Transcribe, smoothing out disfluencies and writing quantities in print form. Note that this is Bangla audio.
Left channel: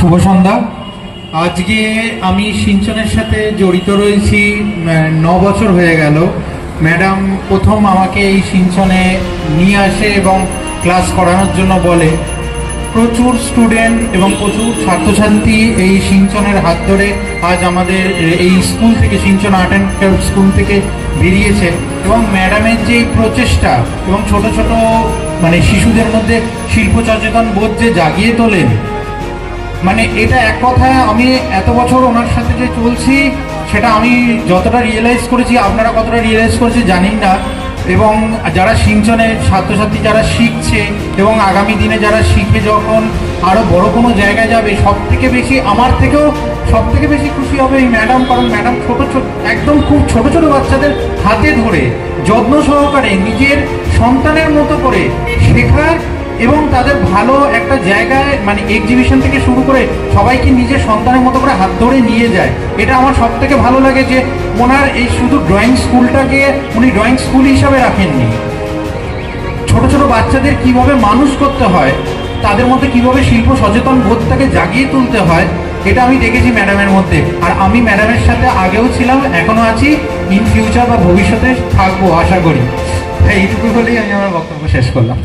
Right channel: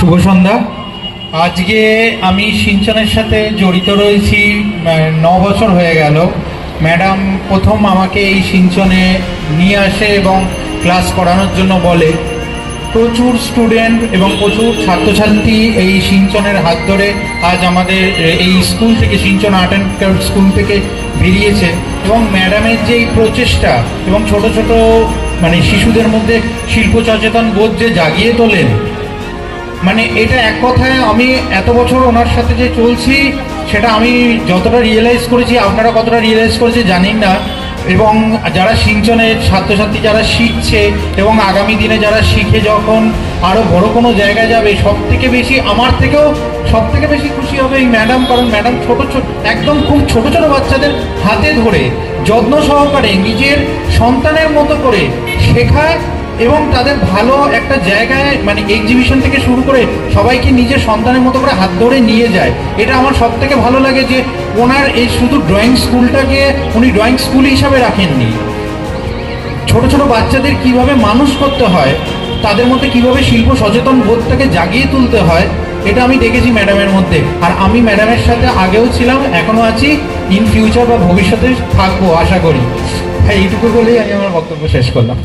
শুভ সন্ধ্যা। আজকে আমি সিঞ্চনের সাথে জড়িত রয়েছি 9 বছর হয়ে গেল। ম্যাডাম প্রথম আমাকে এই সিঞ্চনে নিয়ে আসে এবং ক্লাস করানোর জন্য বলে। প্রচুর স্টুডেন্ট এবং প্রচুর ছাত্রছাত্রী এই সিঞ্চনের হাত ধরে আজ আমাদের এই স্কুল থেকে, সিঞ্চন আর্ট অ্যান্ড ক্রাফট স্কুল থেকে বেরিয়েছে। এবং ম্যাডামের যে প্রচেষ্টা এবং ছোট ছোট শিশুদের মধ্যে শিল্প সচেতন বোধ যে জাগিয়ে তোলেন, এটা এক কথায় আমি এত বছর ওনার সাথে যে চলছি সেটা আমি যতটা রিয়েলাইজ করেছি, আপনারা কতটা রিয়েলাইজ করেছি জানি না। এবং যারা সিঞ্চনের ছাত্রছাত্রী যারা শিখছে এবং আগামী দিনে যারা শিখে যখন আরও বড় কোনো জায়গায় যাবে, আমার থেকেও সব থেকে বেশি খুশি হবে এই ম্যাডাম। কারণ ম্যাডাম একদম খুব ছোট ছোট বাচ্চাদের হাতে ধরে যত্ন সহকারে নিজের সন্তানের মতো করে শেখায় এবং তাদের ভালো একটা জায়গায় এক্সিবিশন থেকে শুরু করে সবাইকে নিজের সন্তানের মতো করে হাত ধরে নিয়ে যায়। এটা আমার সব থেকে ভালো লাগে যে ওনার এই শুধু ড্রয়িং স্কুলটাকে উনি ড্রয়িং স্কুল হিসাবে রাখেননি, ছোট ছোট বাচ্চাদের কিভাবে মানুষ করতে হয়, তাদের মধ্যে কিভাবে শিল্প সচেতন বোধটাকে জাগিয়ে তুলতে হয়, এটা আমি দেখেছি ম্যাডামের মধ্যে। আর আমি ম্যাডামের সাথে আগেও ছিলাম, এখনও আছি, ইন ফিউচার বা ভবিষ্যতে থাকবো আশা করি। এইটুকু বলেই আমি আমার বক্তব্য শেষ করলাম।